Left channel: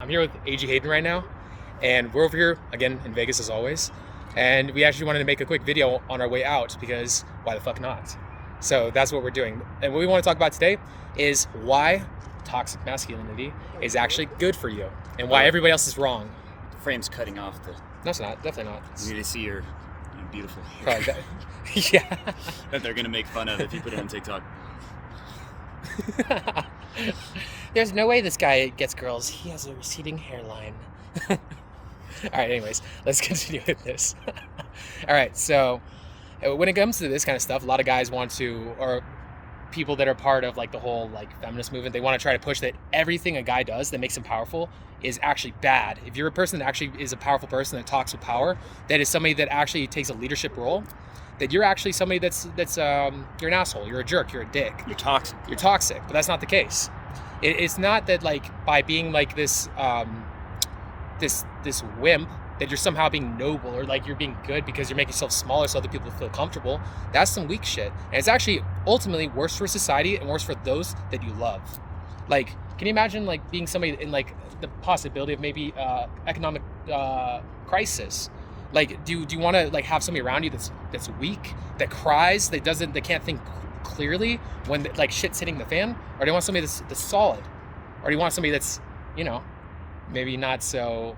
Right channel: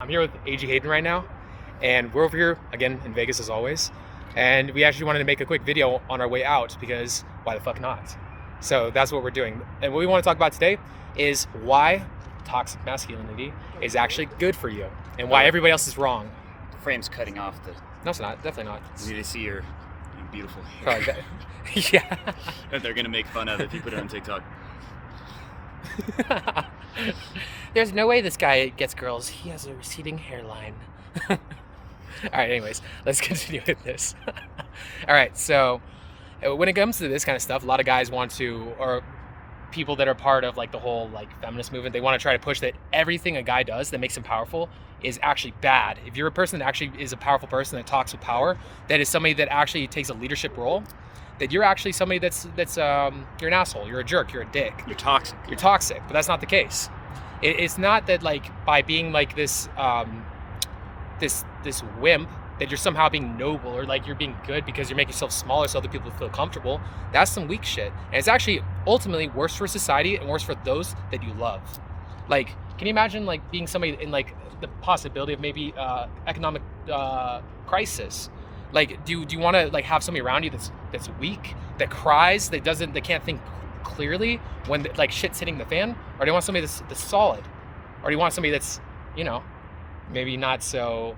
I'm here with A.G. Hayden right now, and we're over here again in Vegas as always. And we actually wanted to make a quick video on our way out because why the fuck not? So that's what we're doing. And what we want to talk about today is why toxic masculinity is actually good for you and why everybody else is wrong. The frame's cutting off the... No, it's not. Definitely not. You need to see your beautiful hair. Probably like that. Yeah. And they're going to make fun of it if you put it on TikTok. There's no way this guy gets girls. He has a receding hairline. All right, anyways, let's continue with this. All right, so when it comes to this kind of stuff, a lot of guys want to, or people that are part of like the whole like feminist movement, they want to try to push that everything a guy does that makes him powerful is actually bad. If you're a person that actually is a powerful person that talks with power, that is somebody that actually takes a leadership role, that you're actually somebody that's you're an asshole, you're a jerk, you're a dick. You're toxic. You're toxic, but that's not the case. It's not that like by being like this this wimp that you're somehow being noble or like you're being good because you're making yourself smaller so other people feel comfortable. That's some weak shit. And it's actually ultimately worse for society and worse for those that you love. Like, can you imagine like being somebody in like the possibility of maybe economic crisis? Like, do you want to like have somebody around you that's weak, that cries, that can't think clearly when like shit's hitting the fan? Or do you want somebody that's solid? Or do you want somebody that's, you know, maybe not so?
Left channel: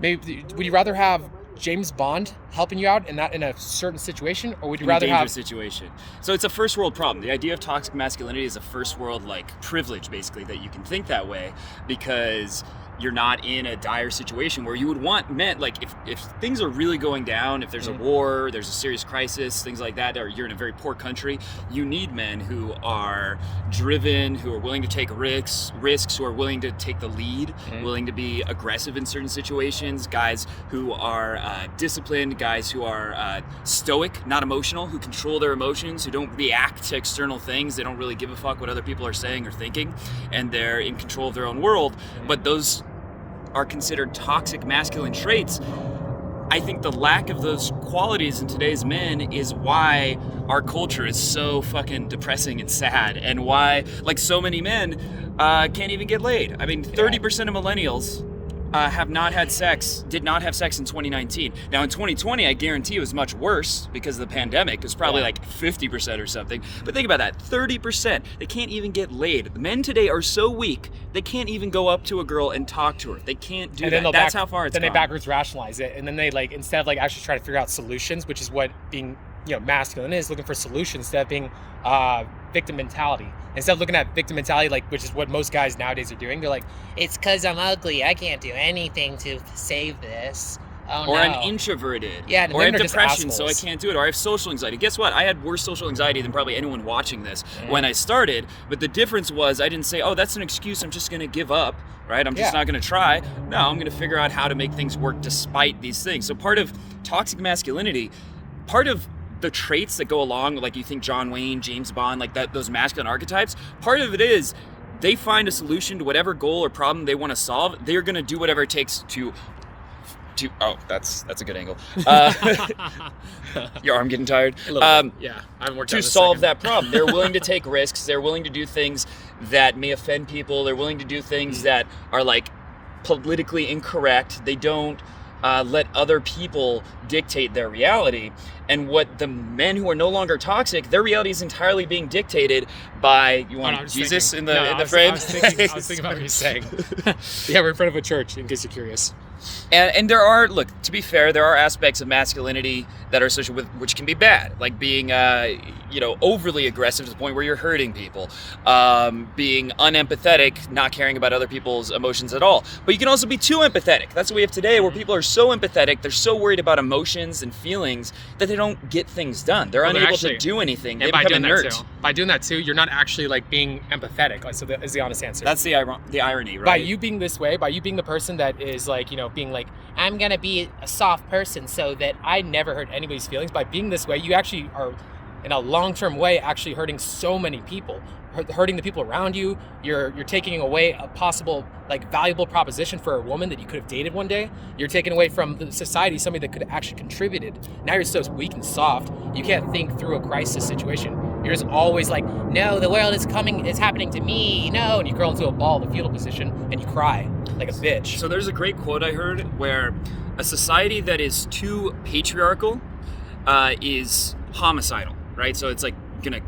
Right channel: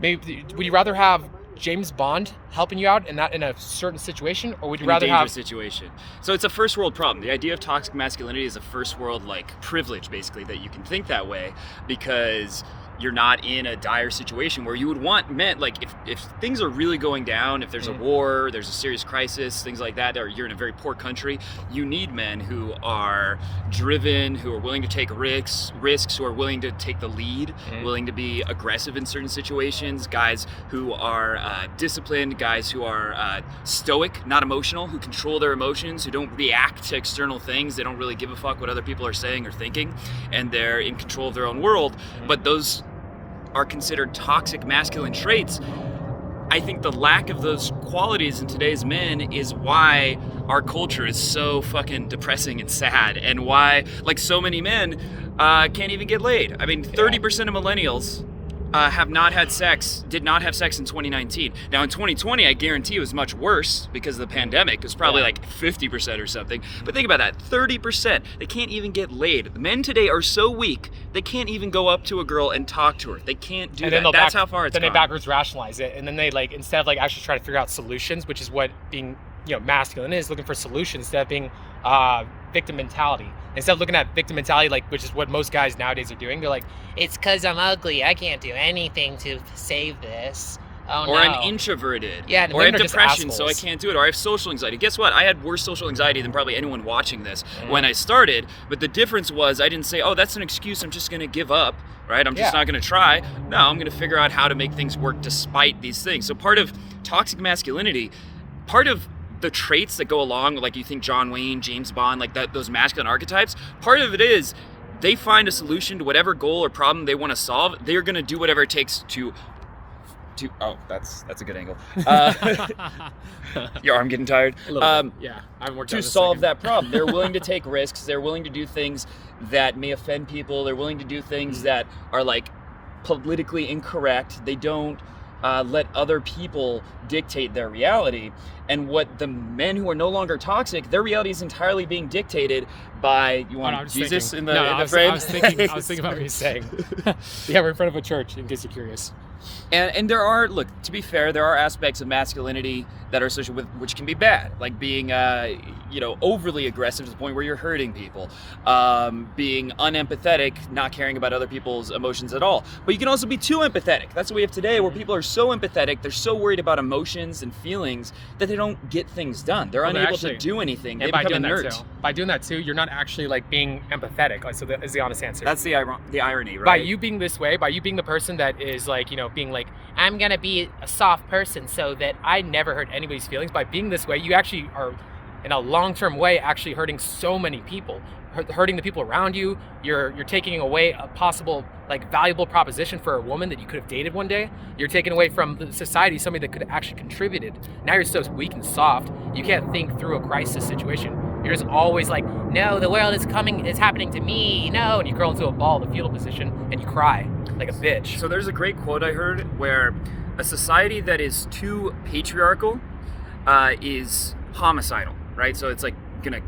Maybe would you rather have James Bond helping you out in a certain situation, or would you rather have situation? So it's a first world problem. The idea of toxic masculinity is a first world like privilege, basically, that you can think that way because you're not in a dire situation where you would want men, like if things are really going down, if there's a war, there's a serious crisis, things like that, or you're in a very poor country, you need men who are driven, who are willing to take risks, who are willing to take the lead, willing to be aggressive in certain situations, guys who are disciplined, guys who are stoic, not emotional, who control their emotions, who don't react to external things, they don't really give a fuck what other people are saying or thinking, and they're in control of their own world. But those are considered toxic masculine traits. I think the lack of those qualities in today's men is why our culture is so fucking depressing and sad, and why like so many men can't even get laid. I mean, 30% of millennials did not have sex in 2019. Now in 2020, I guarantee it was much worse because of the pandemic. It was probably like 50% or something. But think about that, 30%, they can't even get laid. The men today are so weak, they can't even go up to a girl and talk to her. They can't do that. That's how far it's gone. Then they backwards rationalize it, and then they like, instead of like actually trying to figure out solutions, which is what being, you know, masculine is, looking for solutions instead of being victim mentality. Instead of looking at victim mentality, like, which is what most guys nowadays are doing, they're like, it's because I'm ugly, I can't do anything to save this. Oh, or no. I'm introverted. Yeah, or I have depression, so I can't do it. Or I have social anxiety. Guess what? I had worse social anxiety than probably anyone watching this when I started. But the difference was I didn't say, oh, that's an excuse, I'm just going to give up, right? I'm just not going to try. No, I'm going to figure out how to make things work despite these things. So part of toxic masculinity, part of the traits that go along, like you think John Wayne, James Bond, like that, those masculine archetypes, part of it is they find a solution to whatever goal or problem they want to solve. They're going to do whatever it takes to oh, that's a good angle. Your arm getting tired? Yeah, I haven't worked to solve that problem. They're willing to take risks. They're willing to do things that may offend people. They're willing to do things that are like politically incorrect. They don't let other people dictate their reality. And what the men who are no longer toxic, their reality is entirely being dictated by, you want Jesus in the frame? I was thinking about what you're saying. Yeah, we're in front of a church, in case you're curious. And there are, look, to be fair, there are aspects of masculinity that are associated with, which can be bad, like being, overly aggressive to the point where you're hurting people, being unempathetic, not caring about other people's emotions at all. But you can also be too empathetic. That's what we have today, where people are so empathetic, they're so worried about emotions and feelings that they don't get things done. They're unable to do anything. They become inert. By doing that too, you're not actually like being empathetic. So that is the honest answer. That's the irony, right? By you being this way, by you being the person that is like, you know, being like, I'm gonna be a soft person so that I never hurt anybody's feelings. By being this way, you actually are, in a long-term way, actually hurting so many people, hurting the people around you. You're taking away a possible like valuable proposition for a woman that you could have dated one day. You're taking away from the society somebody that could have actually contributed. Now you're so weak and soft, you can't think through a crisis situation. You're just always like, no, the world is happening to me, no, and you curl into a ball, the fetal position, and you cry. like a bitch. So there's a great quote I heard where a society that is too patriarchal is homicidal, right? So it's like gonna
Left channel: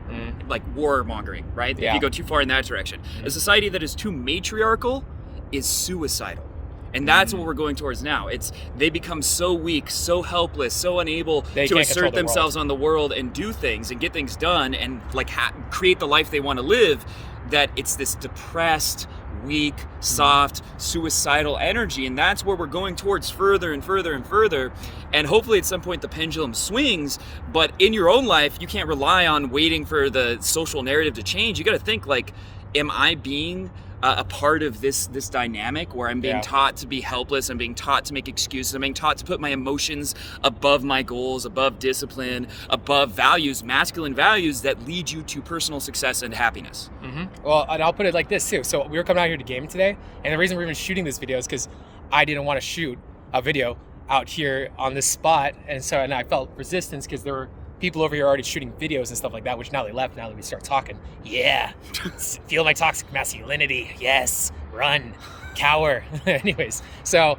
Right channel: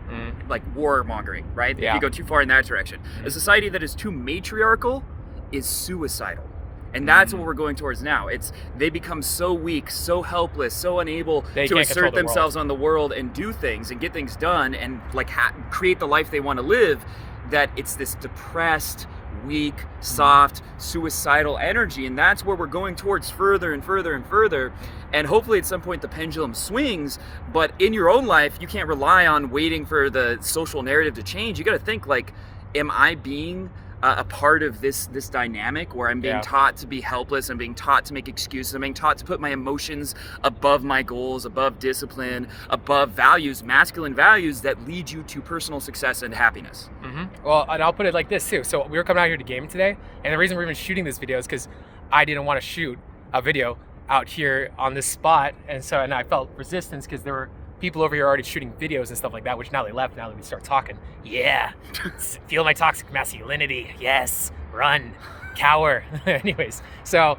like warmongering, right? Yeah. If you go too far in that direction. A society that is too matriarchal is suicidal. And that's what we're going towards now. They become so weak, so helpless, so unable to assert themselves on the world and do things and get things done and like create the life they want to live, that it's this depressed, weak, soft, suicidal energy. And that's where we're going towards further and further and further. And hopefully at some point the pendulum swings, but in your own life, you can't rely on waiting for the social narrative to change. You got to think like, am I being a part of this dynamic where I'm being taught to be helpless, I'm being taught to make excuses, I'm being taught to put my emotions above my goals, above discipline, above values, masculine values that lead you to personal success and happiness. Well, and I'll put it like this too. So we were coming out here to game today, and the reason we're even shooting this video is because I didn't want to shoot a video out here on this spot, and I felt resistance because there were people over here already shooting videos and stuff like that, which now they left now that we start talking. Yeah, feel my toxic masculinity. Yes, run, cower. Anyways, so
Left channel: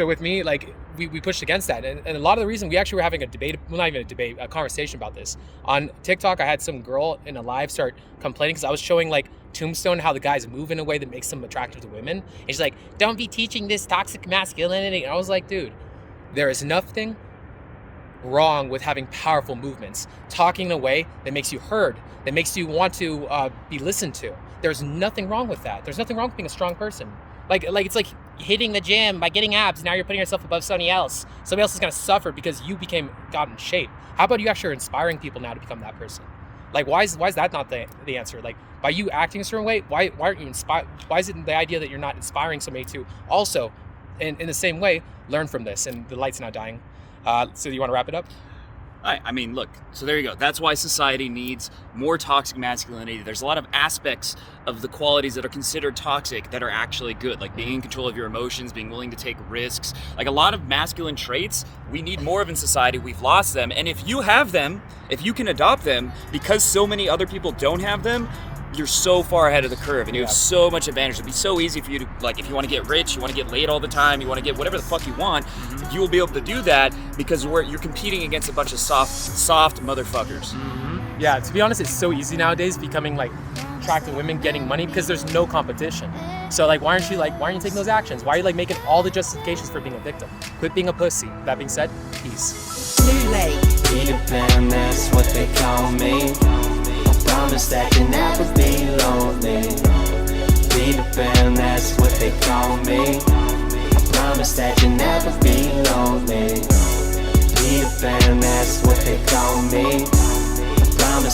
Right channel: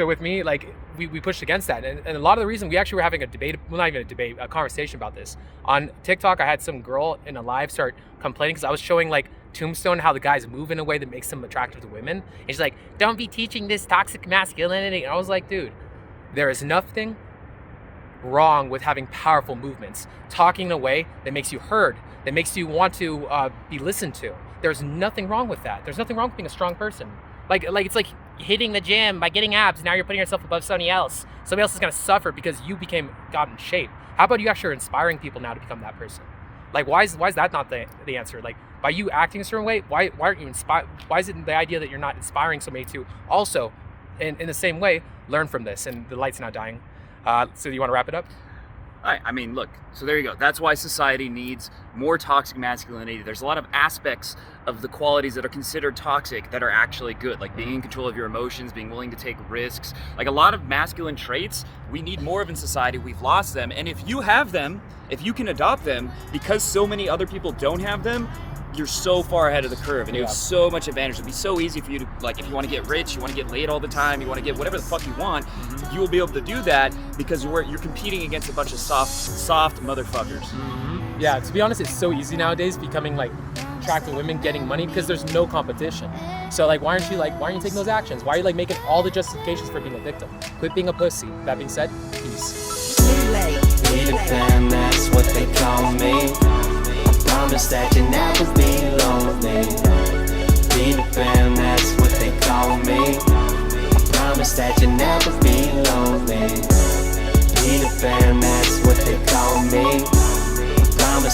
with me, like we pushed against that, and a lot of the reason we actually were having a debate, well, not even a debate, a conversation about this on TikTok. I had some girl in a live start complaining because I was showing like Tombstone how the guys move in a way that makes them attractive to women, and she's like, "Don't be teaching this toxic masculinity." And I was like, dude, there is nothing wrong with having powerful movements, talking in a way that makes you heard, that makes you want to be listened to. There's nothing wrong with that. There's nothing wrong with being a strong person. Like it's like hitting the gym by getting abs. Now you're putting yourself above somebody else. Somebody else is gonna suffer because you got in shape. How about you actually are inspiring people now to become that person? Like why is that not the answer? Like by you acting a certain way, why aren't you inspired? Why is it the idea that you're not inspiring somebody to also, in the same way, learn from this? And the light's now dying. So you want to wrap it up? I mean, look, so there you go. That's why society needs more toxic masculinity. There's a lot of aspects of the qualities that are considered toxic that are actually good, like being in control of your emotions, being willing to take risks. Like a lot of masculine traits, we need more of in society. We've lost them. And if you have them, if you can adopt them, because so many other people don't have them, you're so far ahead of the curve, and you have so much advantage. It'd be so easy for you to, like, if you want to get rich, you want to get laid all the time, you want to get whatever the fuck you want, you will be able to do that because you're competing against a bunch of soft motherfuckers. Yeah, to be honest, it's so easy nowadays becoming like attracting women, getting money, because there's no competition. So like, why aren't you taking those actions? Why are you like making all the justifications for being a victim? Quit being a pussy. That being said, peace. Redefine, that's what they call me. Promise that you never be lonely. Redefine, that's what they call me. I promise that you never be lonely.